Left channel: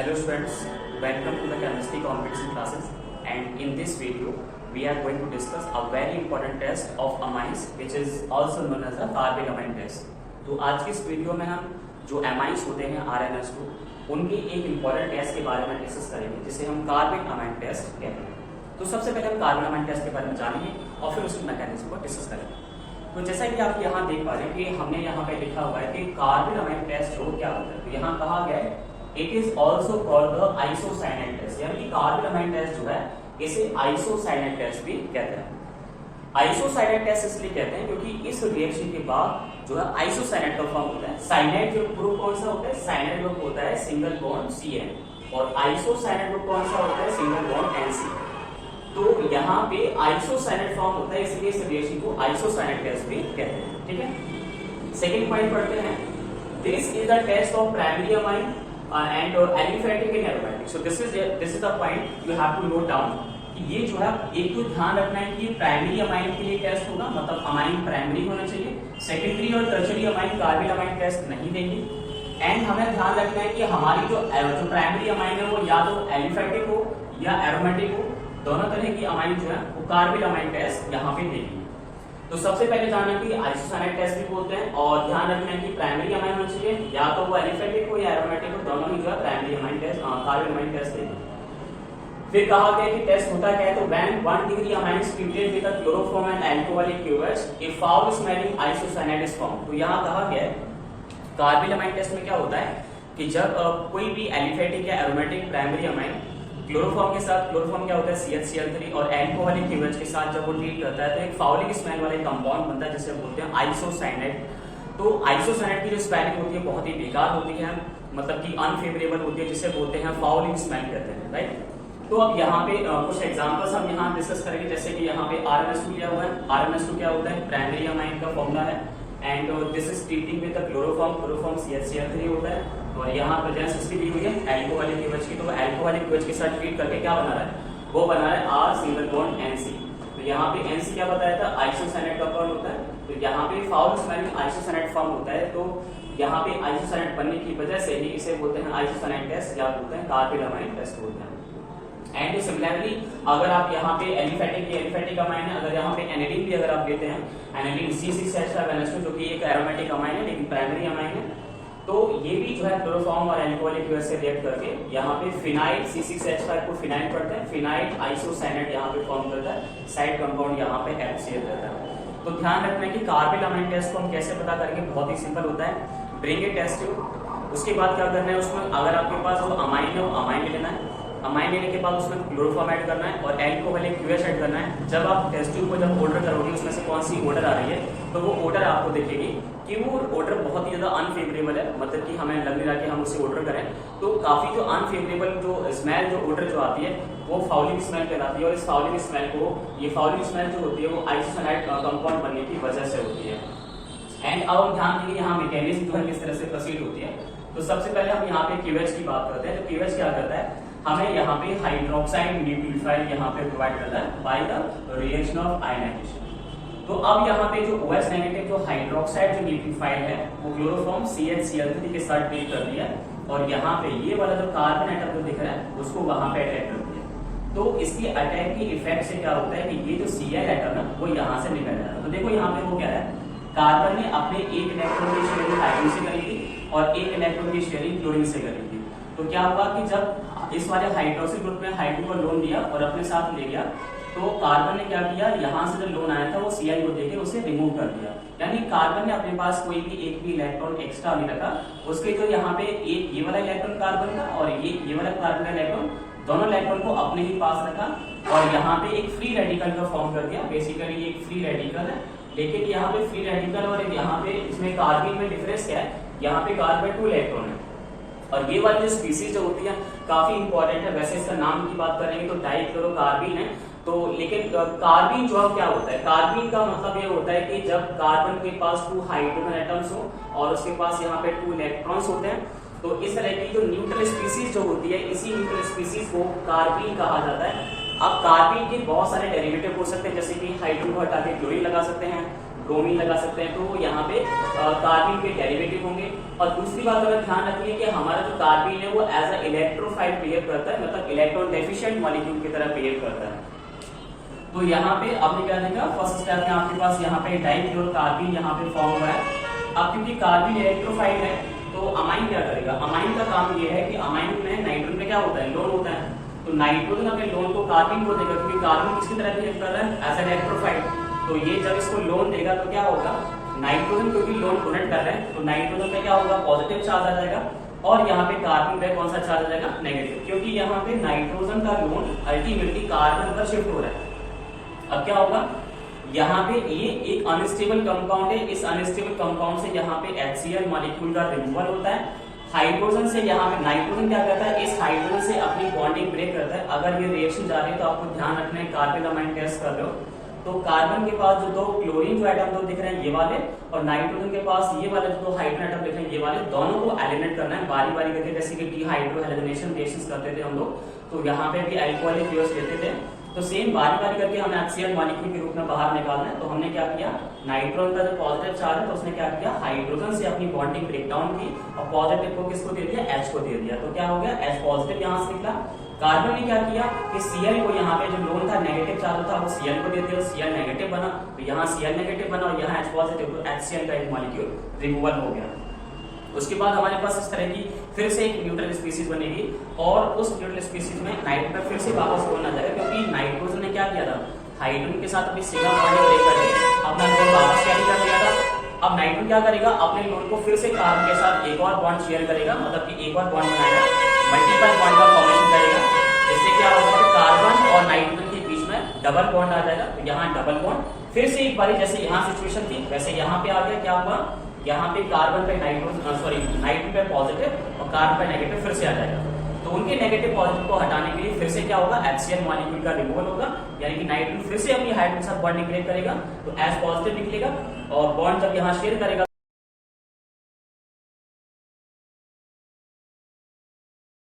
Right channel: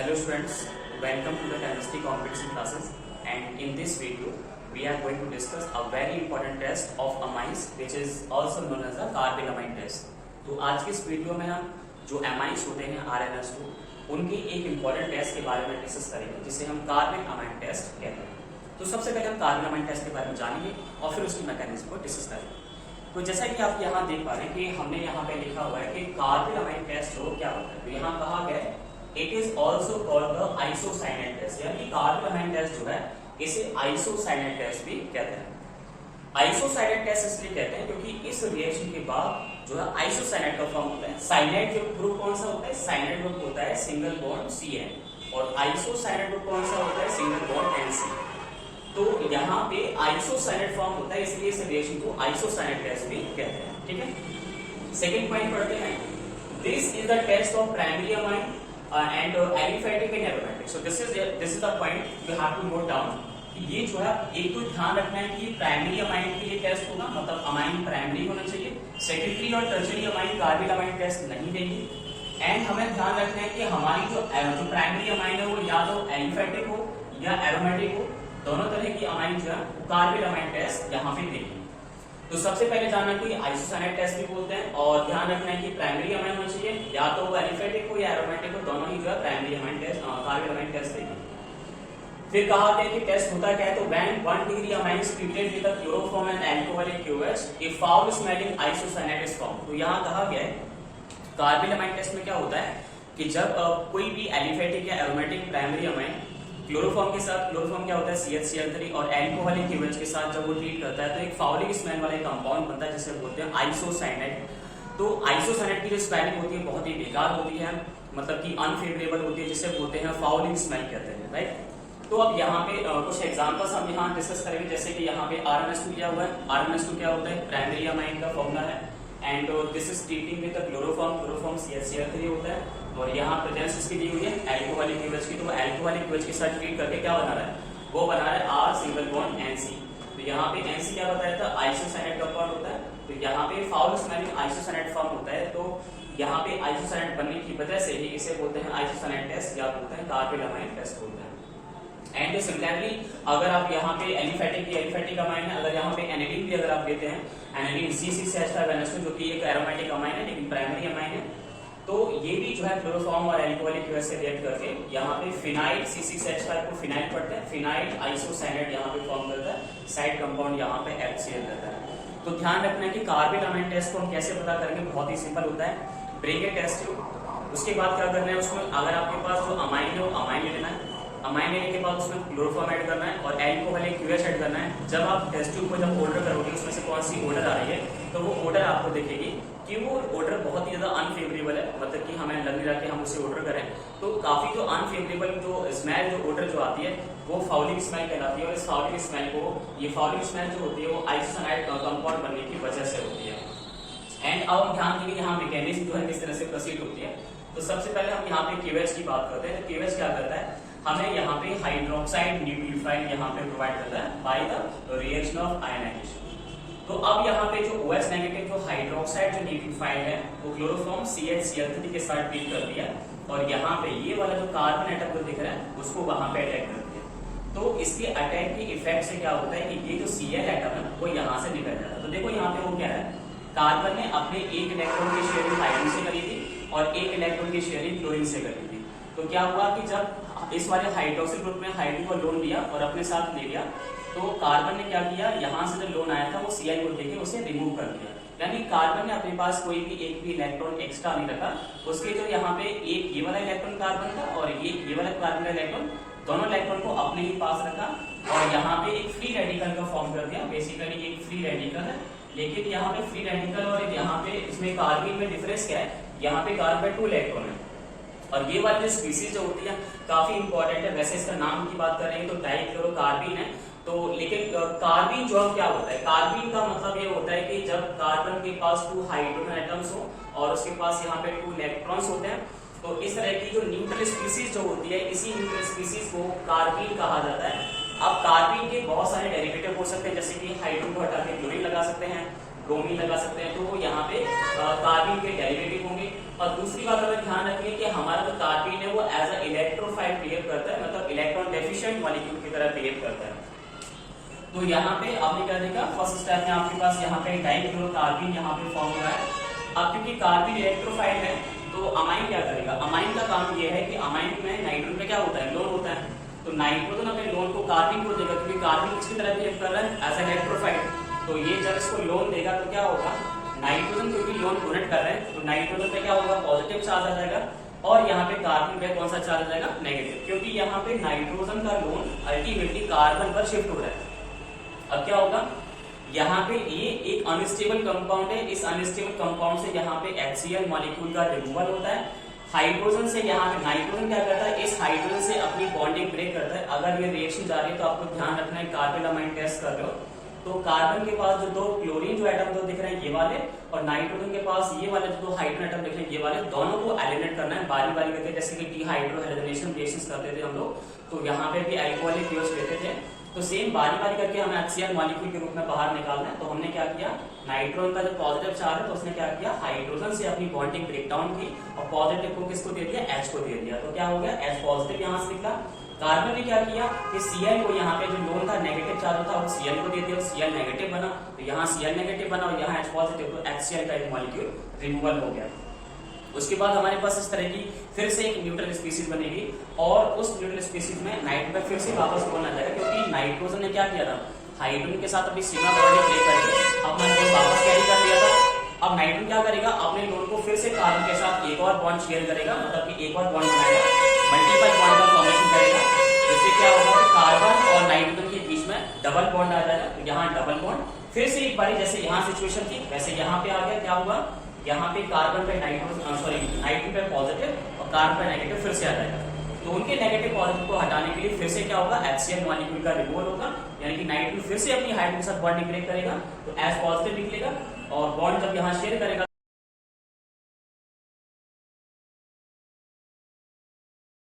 Hello students, welcome to the chemistry competition classes, and in this video we are going to discuss a very important test of amines which is also known as the carbylamine test. तो आज की इस video में हम जो amines होते हैं RNS2 उनके एक इम्पॉर्टेंट टेस्ट के बारे में डिस्कस करेंगे जिसे हम कार्बिक अमाइन टेस्ट कहते हैं। तो सबसे पहले हम कार्बिक अमाइन टेस्ट के बारे में जानेंगे और फिर उसकी मैकेनिज्म को डिस्कस करेंगे। तो जैसा कि आप यहाँ देख पा रहे हैं कि हमने यहाँ पे लिखा हुआ है कि कार्बिक अमाइन टेस्ट जो क्या होता है, तो यहाँ कहा गया है it is also called the isocyanate test, यानी कि कार्बिक अमाइन टेस्ट जो है इसे आइसोसाइनेट टेस्ट भी कहते हैं। आइसोसाइनेट टेस्ट इसलिए कहते हैं क्योंकि इस रिएक्शन के बाद जो है आइसोसाइनेट का फॉर्म होता है। साइनेट जो ग्रुप कौन सा होता है, साइनेट ग्रुप होता है सिंगल बॉन्ड CN और आइसोसाइनेट ग्रुप कौन सा होता है, सिंगल बॉन्ड NC। तो यहाँ पे आइसोसाइनेट फॉर्म होता है, इसलिए इस रिएक्शन को आइसोसाइनेट टेस्ट भी कहते हैं। ठीक है, सेकेंड पॉइंट पढ़ते हैं। This is the test of primary amine and aliphatic and aromatic. So this is the point you have to note down कि ये जो है एक तो ध्यान रखना है कि प्राइमरी अमाइन के लिए टेस्ट होगा, मतलब अमाइन प्राइमरी होना चाहिए। सेकेंडरी और टर्शरी अमाइन कार्बिक अमाइन टेस्ट नहीं देंगे। एंड हमें ध्यान रखना है कि हमारी जो प्राइमरी अमाइन है वो या तो एलिफेटिक हो या एरोमेटिक हो, दोनों तरह की अमाइन जो है वो कार्बिक अमाइन टेस्ट यहाँ पे देंगे। तो सबसे पहले जानना कि आइसोसाइनेट टेस्ट भी बोलते हैं और ध्यान रखना है कि प्राइमरी अमाइन होना चाहिए, या तो वो एलिफेटिक हो या एरोमेटिक हो, दोनों ही जो है primary amine test carbylamine test देंगे। फिर कहा गया कि टेस्ट होता क्या है, तो when 1 degree amine is treated with a chloroform and alcoholic QH A foul smelling isocyanate is formed. तो यहाँ कहा गया है कार्बिक अमाइन टेस्ट में क्या होता है कि जब कोई भी एलिफेटिक या एरोमेटिक प्राइमरी अमाइन क्लोरोफॉर्म के साथ, क्लोरोफॉर्म क्या होता है CH-Cl3, और अल्कोहलिक QH के साथ जब वो ट्रीट करता है तो एक फाउलिक स्मेल वाला कंपाउंड बनता है जिसे बोलते हैं आइसोसाइनेट। तो आइसोसाइनेट की जो स्पेलिंग होती है बहुत ही बेकार होती है, मतलब कि अनफेवरेबल होती है, जिसे बोलते हैं फाउलिंग स्मेल कहते हैं, राइट। तो अब यहाँ पे कुछ एग्जांपल्स हम यहाँ डिस्कस करेंगे, जैसे कि यहाँ पे RNS2 लिया हुआ है। RNS2 क्या होता है, प्राइमरी अमाइन का फॉर्मूला है and this is treating with the chloroform, chloroform CH-Cl3 होता है और यहाँ प्रेजेंस इसकी दी हुई है अल्कोहलिक QH की। तो वो अल्कोहलिक QH के साथ ट्रीट करके क्या बना रहा है, वो बना रहा है R सिंगल बॉन्ड NC। तो यहाँ पे NC क्या बताया था, आइसोसाइनेट का फॉर्म होता है। तो यहाँ पे फाउल स्मेलिंग आइसोसाइनेट फॉर्म होता है, तो यहाँ पे आइसोसाइनेट बनने की वजह से ही इसे बोलते हैं आइसोसाइनेट टेस्ट या बोलते हैं कार्बिक अमाइन टेस्ट बोलते हैं। एंड सिमिलरली अगर आप यहाँ पे एलिफेटिक अमाइन है, अगर यहाँ पे एनिलीन भी अगर आप लेते हैं, एनिलीन C6H5NH2 जो कि एक एरोमेटिक अमाइन है लेकिन प्राइमरी अमाइन है, तो ये भी जो है क्लोरोफॉर्म और अल्कोहलिक QH से रिएक्ट करके यहाँ पे फिनाइल C6H5 को फिनाइल पढ़ते हैं, फिनाइल आइसोसाइनेट यहाँ पे फॉर्म करता है, साइड कंपाउंड यहाँ पे HCl रहता है। तो ध्यान रखना है कि कार्बिक अमाइन टेस्ट को हम कैसे पता करेंगे, बहुत ही सिंपल होता है। ब्रिंग ए टेस्ट ट्यूब, उसके बाद क्या करना है, उसमें अगर आपके पास जो अमाइन है वो अमाइन ले लेना है। अमाइन लेने के बाद उसमें क्लोरोफॉर्म ऐड करना है और अल्कोहलिक QH ऐड करना है। जब आप टेस्ट ट्यूब को जब ऑर्डर करोगे उसमें से कौन सी ऑर्डर आ रही है, तो वो ऑर्डर आपको दिखेगी कि वो ऑर्डर बहुत ही ज्यादा अनफेवरेबल है, मतलब कि हमें लग नहीं रहा कि हम उसे ऑर्डर करें। तो काफी जो अनफेवरेबल जो स्मेल जो ऑर्डर जो आती है वो फाउलिंग स्मेल कहलाती है, और इस फाउलिंग स्मेल को, ये फाउलिंग स्मेल जो होती है वो आइसोसाइनेट कंपाउंड बनने की वजह से होती है। एंड अब हम ध्यान देंगे यहाँ मैकेनिज्म जो है किस तरह से प्रोसीड होती है। तो सबसे पहले हम यहाँ पे QH की बात करते हैं। तो QH क्या करता है, हमें यहाँ पे हाइड्रोक्साइड न्यूक्लियोफाइल यहाँ पे प्रोवाइड करता है by the reaction of ionisation. तो अब यहाँ पे जो OH नेगेटिव जो हाइड्रोक्साइड जो न्यूक्लियोफाइल है वो क्लोरोफॉर्म CH-Cl3 के साथ ट्रीट कर दिया और यहाँ पे ये वाला जो कार्बन एटम जो दिख रहा है उसको वहां पे अटैक कर दिया। तो इसके अटैक के इफेक्ट से क्या होता है कि ये जो Cl एटम है वो यहाँ से निकल जाता है। तो देखो यहाँ पे वो क्या है, कार्बन ने अपने एक इलेक्ट्रॉन की शेयरिंग हाइड्रोजन से करी थी और एक इलेक्ट्रॉन की शेयरिंग क्लोरीन से करी थी। तो क्या हुआ कि जब इस वाले हाइड्रोक्सिल ग्रुप ने हाइड्रोजन को लोन लिया और अपने साथ ले गया, तो कार्बन ने क्या किया, यहाँ से जो लोन आया था वो Cl को देके उसे रिमूव कर दिया। यानी कार्बन ने अपने पास कोई भी एक भी इलेक्ट्रॉन एक्स्ट्रा नहीं रखा। उसके जो यहाँ पे एक ये वाला इलेक्ट्रॉन कार्बन का और ये वाला कार्बन का इलेक्ट्रॉन, दोनों इलेक्ट्रॉन को अपने ही पास रखा और यहाँ पे एक फ्री रेडिकल का फॉर्म कर दिया। बेसिकली एक फ्री रेडिकल है, लेकिन यहाँ पे फ्री रेडिकल और यहाँ पे इसमें कार्बन में डिफरेंस क्या है, यहाँ पे कार्बन 2 इलेक्ट्रॉन है और ये वाली जो स्पीसीज जो होती है काफी इंपॉर्टेंट है। वैसे इसका नाम की बात करेंगे तो डाइक्लोरोकार्बीन है। तो लेकिन कार्बीन जो क्या होता है, कार्बीन का मतलब ये होता है कि जब कार्बन के पास 2 हाइड्रोजन एटम्स हो और उसके पास यहाँ पे 2 इलेक्ट्रॉन्स होते हैं, तो इस तरह की जो न्यूट्रल स्पीसीज जो होती है, इसी न्यूट्रल स्पीसीज को कार्बीन कहा जाता है। अब कार्बीन के बहुत सारे डेरिवेटिव हो सकते हैं, जैसे कि हाइड्रोजन को हटा के क्लोरीन लगा सकते हैं, ब्रोमीन लगा सकते हैं, तो यहाँ पे कार्बिन के डेरिवेटिव होंगे। और दूसरी बात हमें ध्यान रखनी है कि हमारा जो कार्बिन है वो एज अ इलेक्ट्रोफाइल बिहेव करता है, मतलब इलेक्ट्रॉन डेफिशिएंट मॉलिक्यूल की तरह बिहेव करता है। तो यहाँ पे आपने क्या देखा, फर्स्ट स्टेप में आपके पास यहाँ पे डाइक्लोरोकार्बिन यहाँ पे फॉर्म हुआ है। अब क्योंकि कार्बिन इलेक्ट्रोफाइल है तो अमाइन क्या करेगा, अमाइन का काम ये है कि अमाइन में नाइट्रोजन का क्या होता है, लोन होता है। तो नाइट्रोजन अपने लोन को कार्बिन को देगा, क्योंकि कार्बिन किसकी तरह बिहेव कर रहा है, एज एन इलेक्ट्रोफाइल। तो ये जब इसको लोन देगा तो क्या होगा, नाइट्रोजन क्योंकि लोन डोनेट कर रहे हैं तो नाइट्रोजन पे क्या होगा, पॉजिटिव चार्ज आ जाएगा, और यहाँ पे कार्बन पे कौन सा चार्ज आ जाएगा, नेगेटिव, क्योंकि यहाँ पे नाइट्रोजन का लोन अल्टीमेटली कार्बन पर शिफ्ट हो रहा है। अब क्या होगा, यहाँ पे ये एक अनस्टेबल कंपाउंड है, इस अनस्टेबल कंपाउंड से यहाँ पे HCl मॉलिक्यूल का रिमूवल होता है। हाइड्रोजन से यहाँ पे नाइट्रोजन क्या करता है, इस हाइड्रोजन से अपनी बॉन्डिंग ब्रेक करता है। अगर ये रिएक्शन जा रही है तो आपको ध्यान रखना है, कार्बन टेस्ट कर रहे हो तो कार्बन के पास जो दो क्लोरीन जो एटम दो दिख रहे हैं ये वाले, और नाइट्रोजन के पास ये वाले जो दो हाइड्रोजन एटम दिख रहे हैं ये वाले, दोनों को एलिमिनेट करना है बारी बारी करके, जैसे कि डीहाइड्रोहाइड्रोजनेशन रिएक्शंस करते थे हम लोग, तो यहाँ पे भी अल्कोहलिक फ्यूल्स लेते थे, तो सेम बारी बारी करके हमें HCl मॉलिक्यूल के रूप में बाहर निकालना है। तो हमने क्या किया, नाइट्रोजन का जो पॉजिटिव चार्ज है तो उसने क्या किया, हाइड्रोजन से अपनी बॉन्डिंग ब्रेक डाउन की और पॉजिटिव को किसको दे दिया, H को दे दिया। तो क्या हो गया, H पॉजिटिव यहाँ से निकला। कार्बन ने क्या किया कि Cl को यहाँ पे जो लोन था नेगेटिव चार्ज था वो Cl को दे दिया, Cl नेगेटिव बना, तो यहाँ Cl नेगेटिव बना और यहाँ H पॉजिटिव, तो HCl का एक मॉलिक्यूल रिमूवल हो गया। उसके बाद हमारे पास इस तरह की फिर से एक न्यूट्रल स्पीसीज बनेगी, और उस न्यूट्रल स्पीसीज में नाइट्रोजन फिर से वापस बोलना जाएगा, क्योंकि नाइट्रोजन ने क्या किया था, हाइड्रोजन के साथ अपनी सीमा बॉन्डिंग ब्रेक करके अपना लोन वापस कैरी कर लिया था। अब नाइट्रोजन क्या करेगा, अपने लोन को फिर से कार्बन के साथ एक और बॉन्ड शेयर करेगा, मतलब कि एक और बॉन्ड बनाएगा, मल्टीपल बॉन्ड का फॉर्मेशन करेगा। इससे क्या होगा, कार्बन और नाइट्रोजन के बीच में डबल बॉन्ड आ जाएगा। तो यहाँ डबल बॉन्ड फिर से एक बारी, जैसे यहाँ सिचुएशन थी वैसे यहाँ पे आ गया, क्या हुआ, यहाँ पे कार्बन पे नाइट्रोजन पे पॉजिटिव और कार्बन पे नेगेटिव फिर से आ जाएगा। तो उनके नेगेटिव पॉजिटिव को हटाने के लिए फिर से क्या होगा, HCl मॉलिक्यूल का रिमूवल होगा, यानी कि नाइट्रोजन फिर से अपनी हाइड्रोजन के साथ बॉन्ड ब्रेक करेगा, तो H पॉजिटिव निकलेगा, और बॉन्ड जब यहाँ शेयर करेगा